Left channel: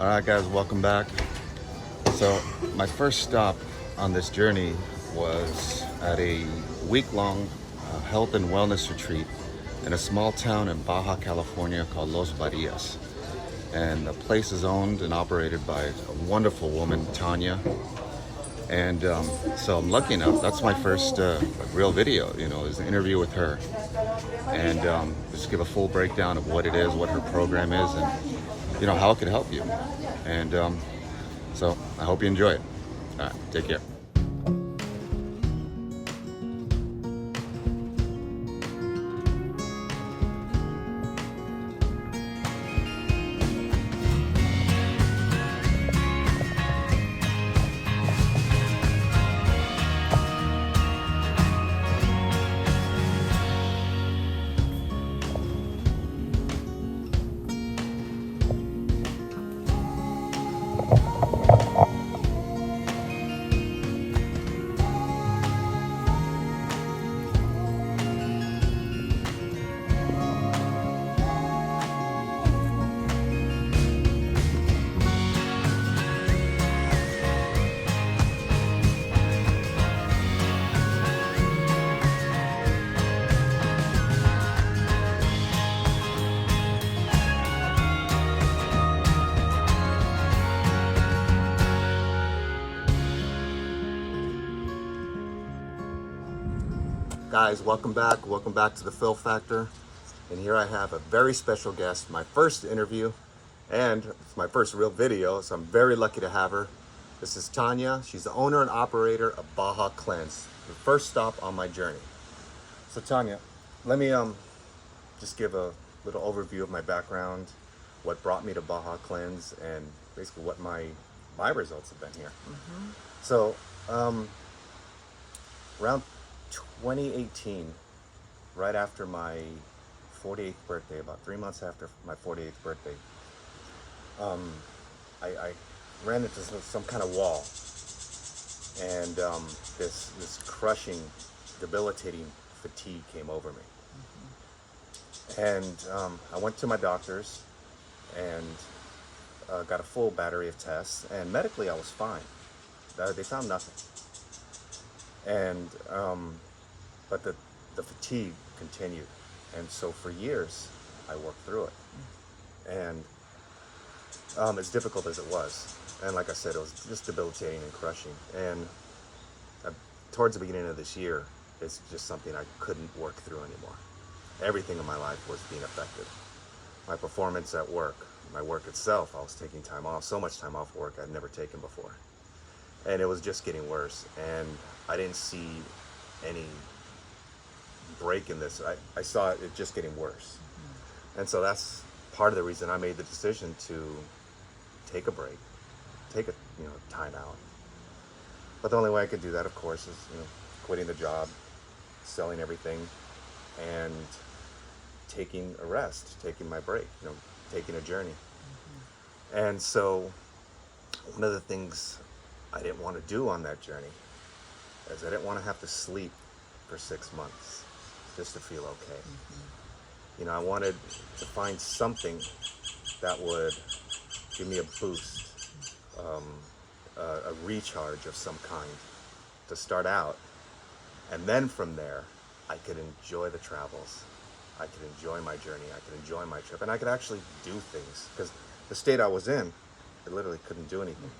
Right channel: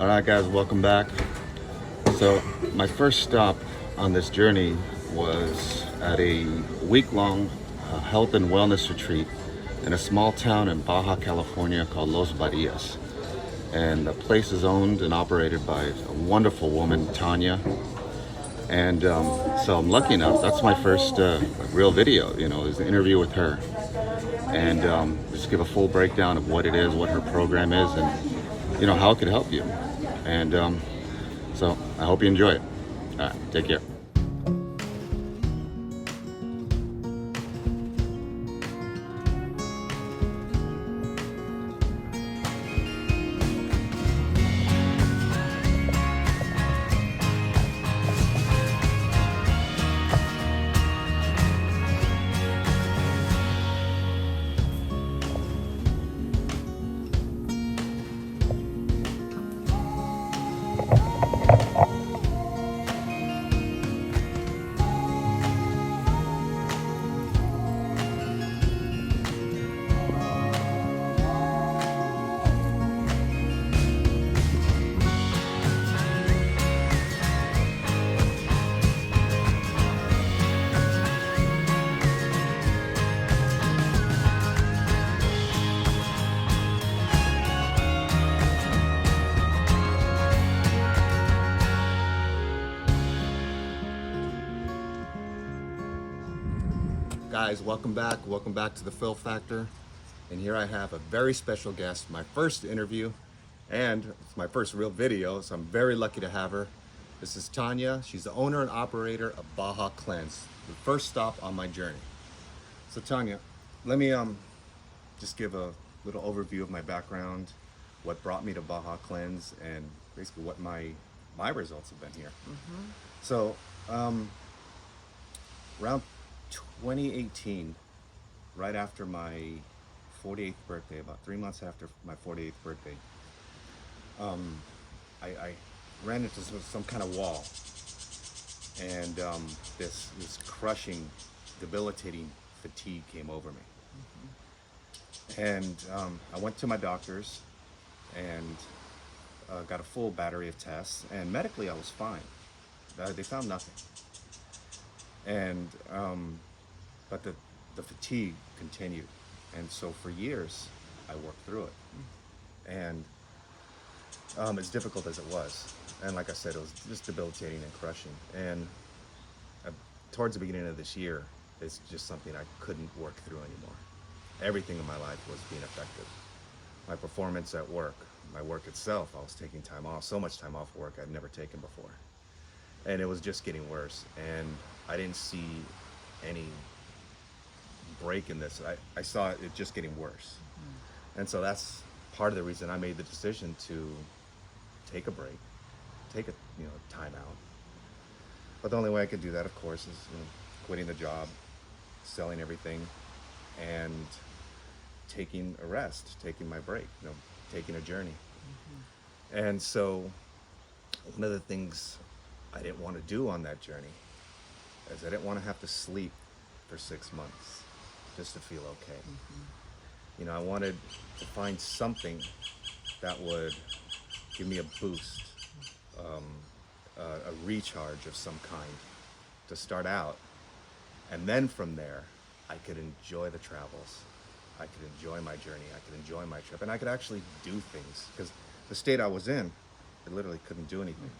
All right, guys, welcome back. So my first stop on this journey was at a week-long health and wellness retreat in a small town in Baja, California called Los Barrias. And the place is owned and operated by a wonderful woman, Tanya. And so I'm lucky enough, that's my first real video, is an interview with her. And just give a full breakdown of what it is, what her program is, and how it could help you. And so I hope you enjoy it. All right, take care. Guys, welcome back. Welcome back to the Phil Factor. And here I have a very special guest, my first interview, and it's my first real video, so I'm very lucky to have her. This is Tanya. She's the owner and operator of Baja Cleanse, the first stop on my journey. So Tanya, let me just give a little overview of my background, what brought me to Baja Cleanse, and basically what my results have been here. So around 2018, right after my 48th birthday, about 3 months after my 48th birthday, I ran into some kind of wall, and this crushing, debilitating fatigue came over me. And I went to my doctors and got a full battery of tests, and medically I was fine. They found nothing. And but the fatigue continued, and so for years I worked through it. And as difficult as it was, and like I said, it was just debilitating and crushing. And towards the beginning of this year, it's just something I couldn't work through anymore. Everything in my life was being affected. My performance at work, my work itself, I was taking time off, so much time off work I'd never taken before. And it was just getting worse, and I didn't see any break in this. I saw it just getting worse. And so that's part of the reason I made the decision to take a break, take a time out. But the only way I could do that, of course, is quitting the job, selling everything, and taking a rest, taking my break, taking a journey. And so one of the things I didn't want to do on that journey is I didn't want to have to sleep for 6 months just to feel okay. I wanted to find something that would give me a boost, a recharge of some kind to start out. And then from there, I could enjoy the travels. I could enjoy my journey. I could enjoy my trip. And I could actually do things, because the state I was in, I literally couldn't do anything.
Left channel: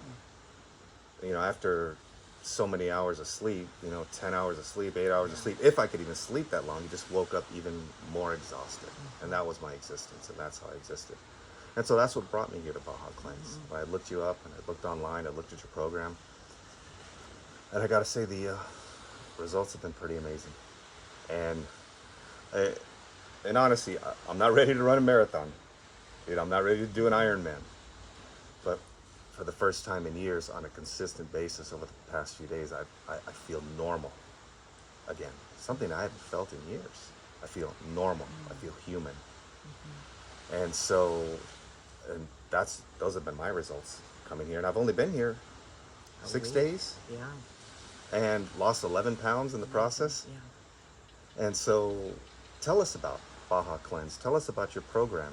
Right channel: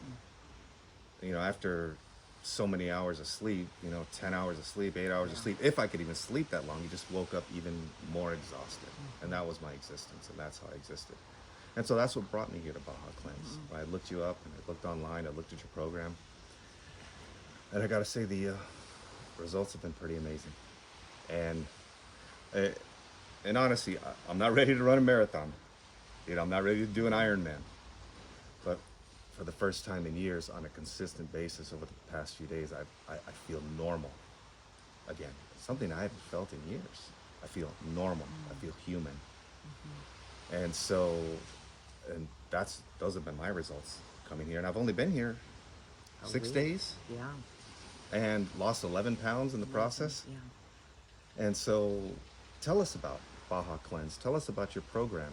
After so many hours of sleep, 10 hours of sleep, 8 hours of sleep, if I could even sleep that long, you just woke up even more exhausted. And that was my existence, and that's how I existed. And so that's what brought me here to Baja Cleanse. I looked you up, and I looked online, I looked at your program, and I gotta say the results have been pretty amazing. And honestly, I'm not ready to run a marathon. I'm not ready to do an Ironman. But for the first time in years, on a consistent basis over the past few days, I feel normal again. Something I haven't felt in years. I feel normal. I feel human. And so, those have been my results coming here. And I've only been here 6 days. Yeah. And lost 11 pounds in the process. Yeah. And so, tell us about Baja Cleanse. Tell us about your program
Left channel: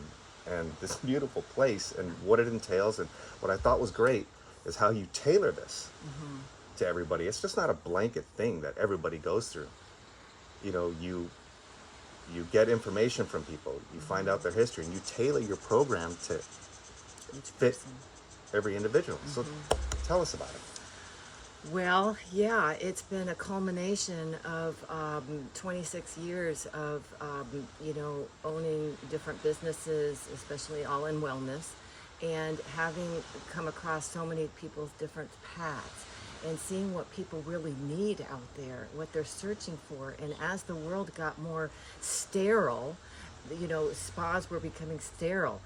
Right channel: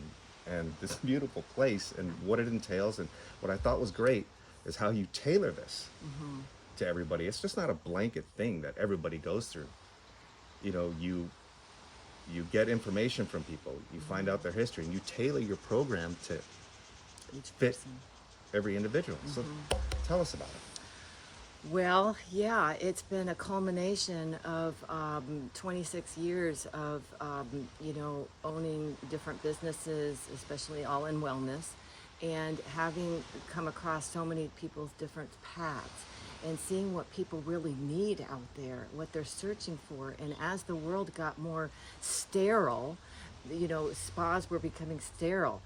and this beautiful place and what it entails. And what I thought was great is how you tailor this to everybody. It's just not a blanket thing that everybody goes through. You know, you get information from people, you find out their history, and you tailor your program to Each fit person. every individual. So tell us about it. Well, yeah, it's been a culmination of 26 years of, owning different businesses, especially all in wellness, and having come across so many people's different paths and seeing what people really need out there, what they're searching for. And as the world got more sterile, spas were becoming sterile.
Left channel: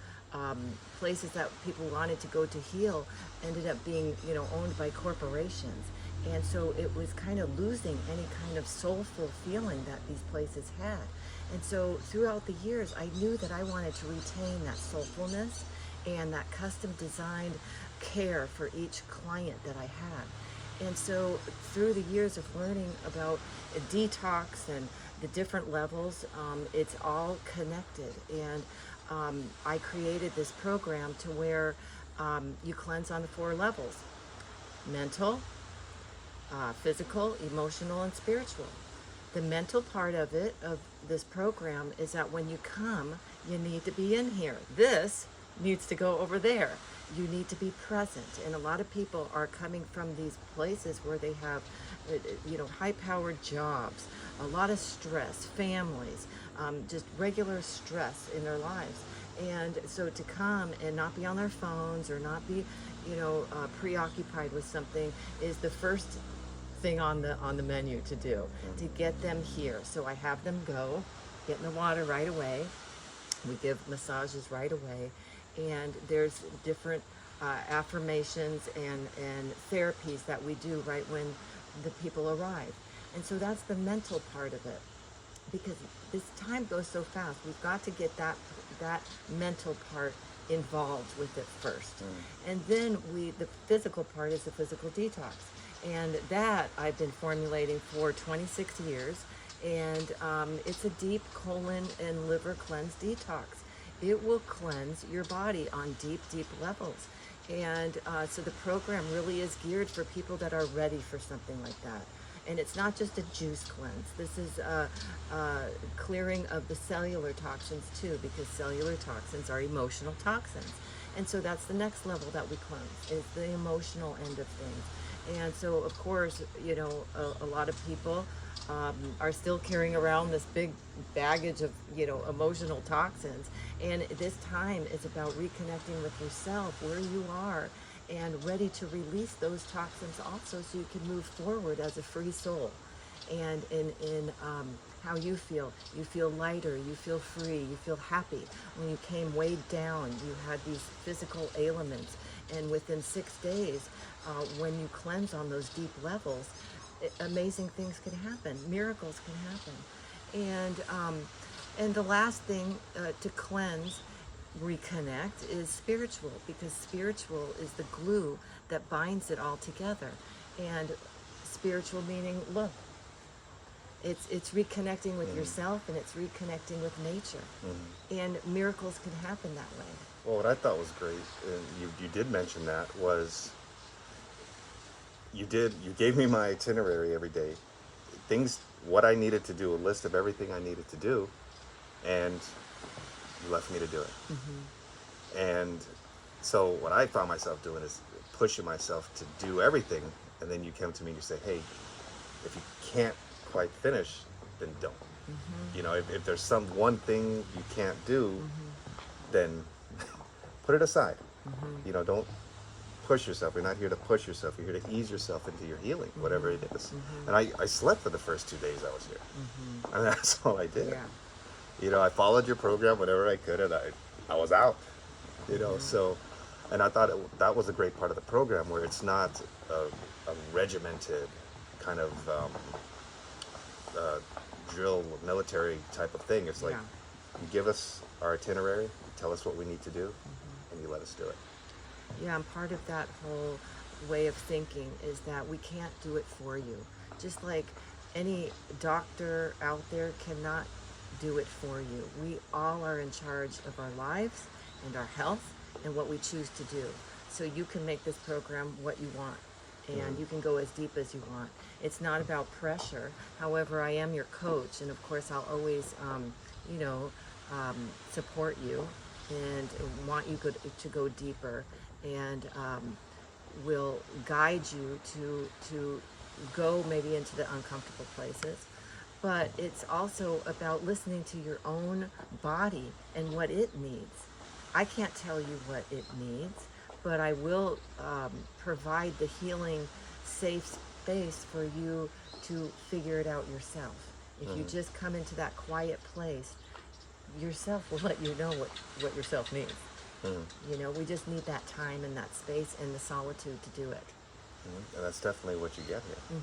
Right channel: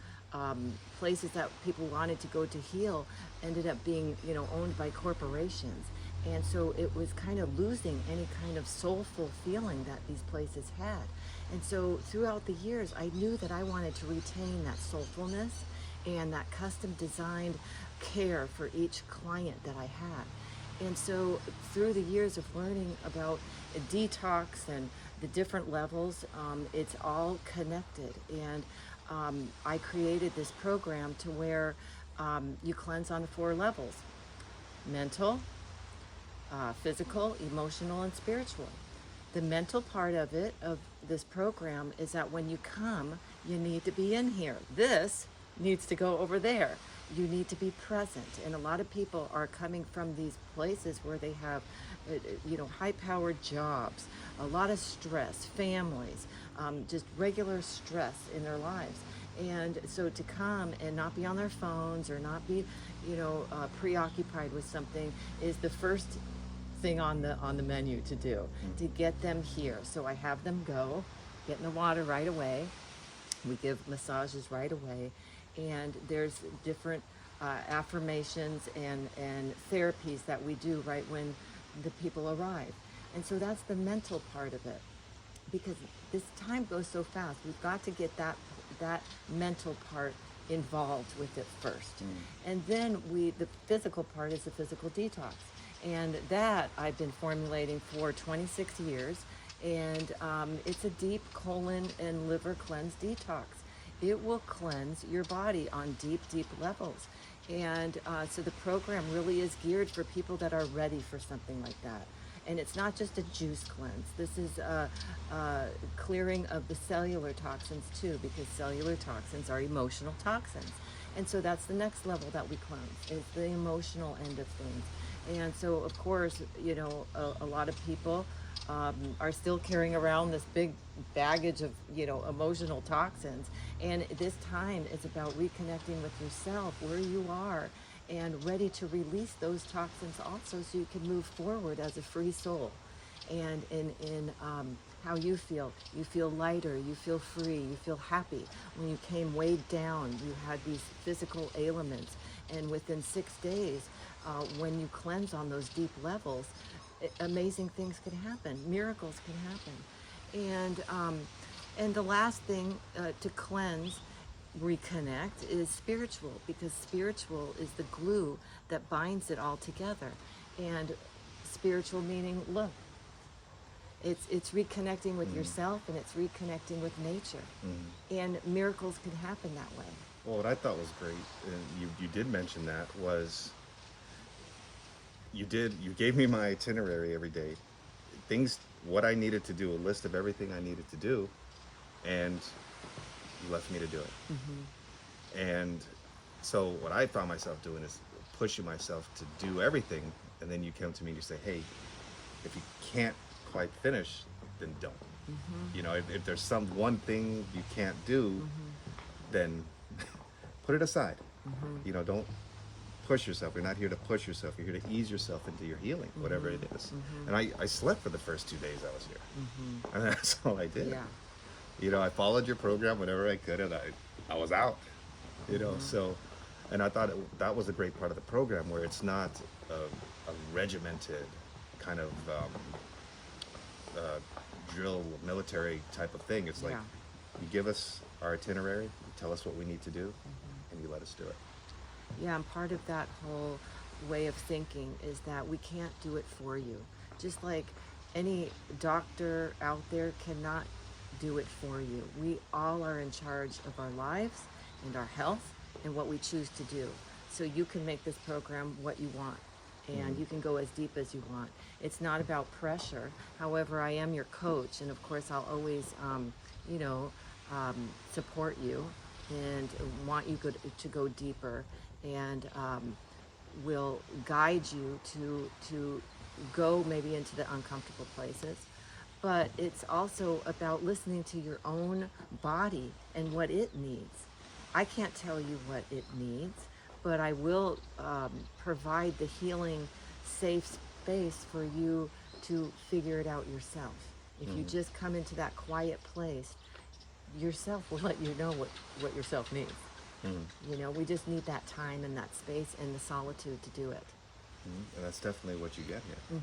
Places that people wanted to go to heal ended up being, owned by corporations. And so it was kind of losing any kind of soulful feeling that these places had. And so throughout the years, I knew that I wanted to retain that soulfulness and that custom designed care for each client that I had. And so through the years of learning about detox and the different levels, it's all connected. And I created this program to where you cleanse on the 4 levels: mental, physical, emotional, and spiritual. The mental part of this program, is that when you come, you need to be in here. This needs to go over there. You need to be present. And a lot of people are coming from these places where they have, high-powered jobs, a lot of stress, families, just regular stress in their lives. And so to come and not be on their phones or not be, preoccupied with something is the first thing on the menu to do, to get them here. So I have them go, get in the water right away. We give massages right away, and there's different affirmations and therapies that we do right when the people arrive. And so that's the mental part of it, because this time goes so fast. We've got to get that mental part involved with it first. And then the physical part is the physical detox. And that I've been formulating for 26 years. And it's a deep colon and liver cleanse detox. It will cleanse your body on deep, deep levels. And so the program really is geared for people that are ready for something like that. And it's not just a juice cleanse. This is a clearing of the cellular toxins too, because cellular toxins are emotional toxins. And so that's the next level that we cleanse, is the emotional end of things. And so, of course, a lot of people are still carrying around this big baggage of, emotional toxins. And this time is about reconnecting with yourself, where you are, and ready to release those toxins also, so you can move forward as a free soul. And in how you feel lighter, you feel free, you feel happy. When you came weighed down, you had these physical ailments, and within 6 days, when you cleanse on those deep levels, amazing things can happen, miracles can happen. And the last thing to cleanse, reconnect, is spiritual, because spiritual is the glue that binds it all together. And spiritual meaning love. It's reconnecting with yourself, and it's reconnecting with nature. And miracles can happen that way. Well, what I thought was great, and you did mention that, was you gave me my itinerary every day, what I needed to do, a list of everything I needed to do, and you left me to do it. And so what I found myself doing is pushing myself to do everything, and then you come to me and you say, hey, if you can't quite finish, then don't. If there's one thing you can't do, then put it aside. Don't push yourself. You're not here to push yourself. You're here to ease yourself into your healing, whatever it is. And I slept for the first 2 days I was here. And that's all I did. I followed your program whenever I could, and I was out. So, and I thought that was a great part of the program, where it's not a regimented kind of drill military type of thing. It's like, you give us our itinerary, you tell us what we need to do, and you let us do it. Yeah, and part of that whole way of thinking is that we can't do it for you. Just like any doctor out there cannot do it for you. We all are in charge of our lives and our health and what we choose to do. So you can make this program what you want, and you can go as deep as you want. It's not about pressure. However, I am your coach, and of course I'll always, you know, support you and want you to go deeper, and will guide you to go maybe into the uncomfortable places. But it's also about listening to your own body and what it needs. I can't tell you what it needs, but I will provide the healing, safe space for you to figure it out yourself. If you just come into that quiet place, yourself will let you know what yourself needs. You know, we just need that time and that space and the solitude to do it. And that's definitely what you get here.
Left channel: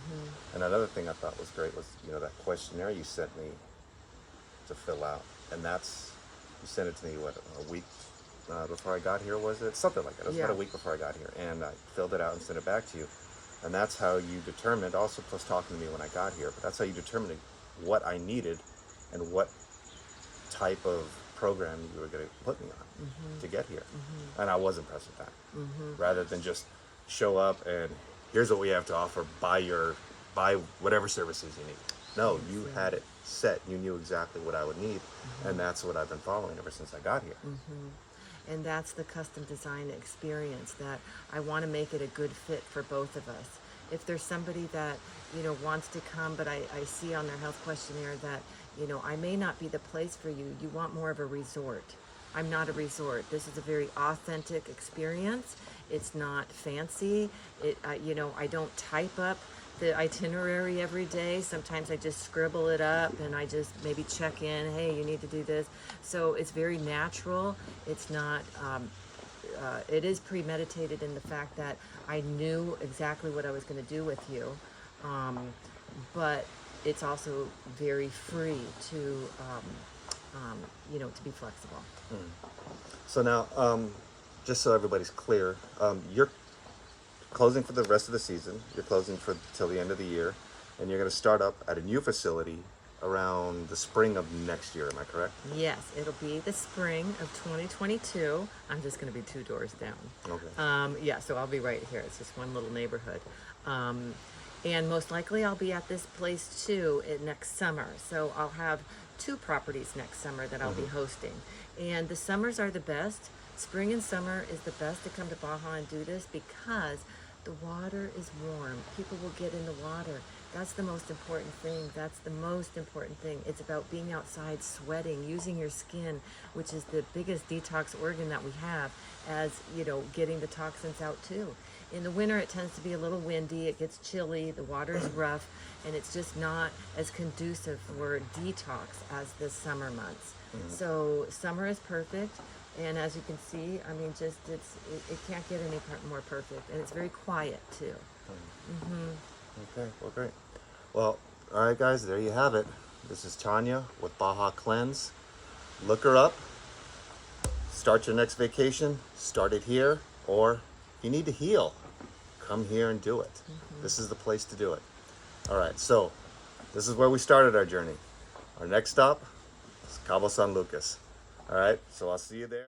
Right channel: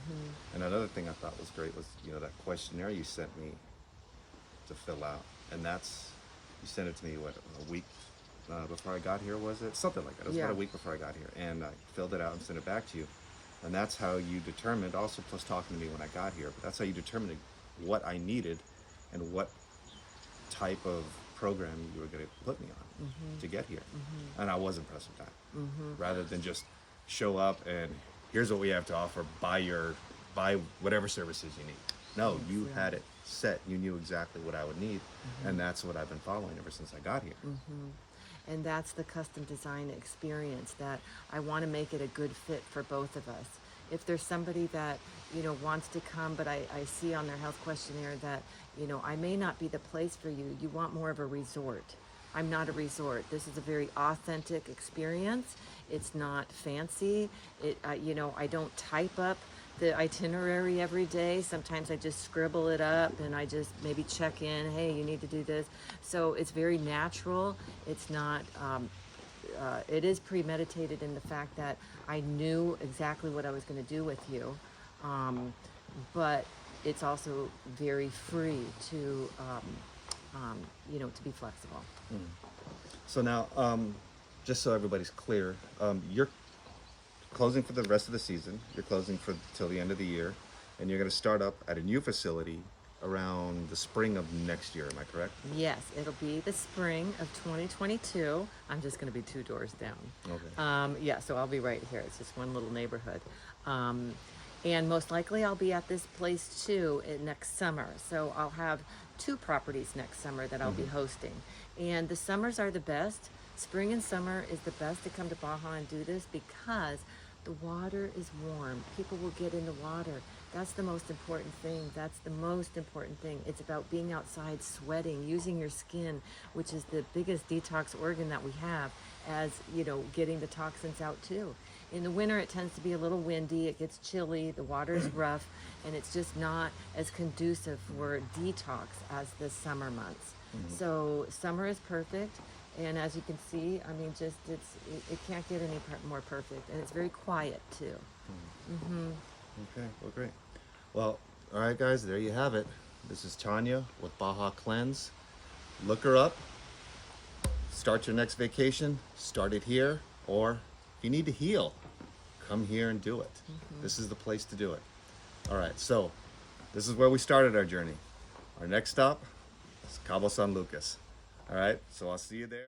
And another thing I thought was great was, you know, that questionnaire you sent me to fill out. And that's, you sent it to me, what, a week before I got here, was it? Something like that. It was about a week before I got here. And I filled it out and sent it back to you. And that's how you determined, also plus talking to me when I got here, but that's how you determined what I needed and what type of program you were going to put me on to get here. And I was impressed with that. Rather than just show up and here's what we have to offer, buy whatever services you need. No, you had it set. You knew exactly what I would need, and that's what I've been following ever since I got here. And that's the custom design experience, that I want to make it a good fit for both of us. If there's somebody that, you know, wants to come, but I see on their health questionnaire that, you know, I may not be the place for you. You want more of a resort. I'm not a resort. This is a very authentic experience. It's not fancy. You know, I don't type up the itinerary every day. Sometimes I just scribble it up and I just maybe check in, hey, you need to do this. So it's very natural. It's not, it is premeditated in the fact that I knew exactly what I was going to do with you. But it's also very free to, you know, to be flexible. So now, just so everybody's clear, you're closing for the rest of the season. You're closing for till the end of the year, and you're going to start up at a new facility around the spring of next year. Am I correct? Yes, it'll be the spring of 2022. I'm just going to be 2 doors down. Okay. Yeah, so I'll be right here. It's just one little neighborhood. And most likely I'll be at this place too next summer. So I'll have 2 properties next summer that I'll be hosting. And the summers are the best. Spring and summer is the best to come to Baja and do this because the water is warm. People will get in the water. That's the most important thing. That's the most important thing. It's about being outside, sweating, using your skin, which is the biggest detox organ that we have, as, you know, getting the toxins out too. In the winter, it tends to be a little windy. It gets chilly. The water is rough, and it's just not as conducive for detox as the summer months. So summer is perfect. And as you can see, I mean, just it can't get any more perfect, and it's very quiet too. Okay, well, great. Well, all right, guys, there you have it. This is Tanya with Baja Cleanse. Look her up. Start your next vacation. Start it here, or if you need to heal, come here and do it. This is the place to do it. All right, so this is where we started our journey. Our next stop is Cabo San Lucas. All right, so I'll see you there.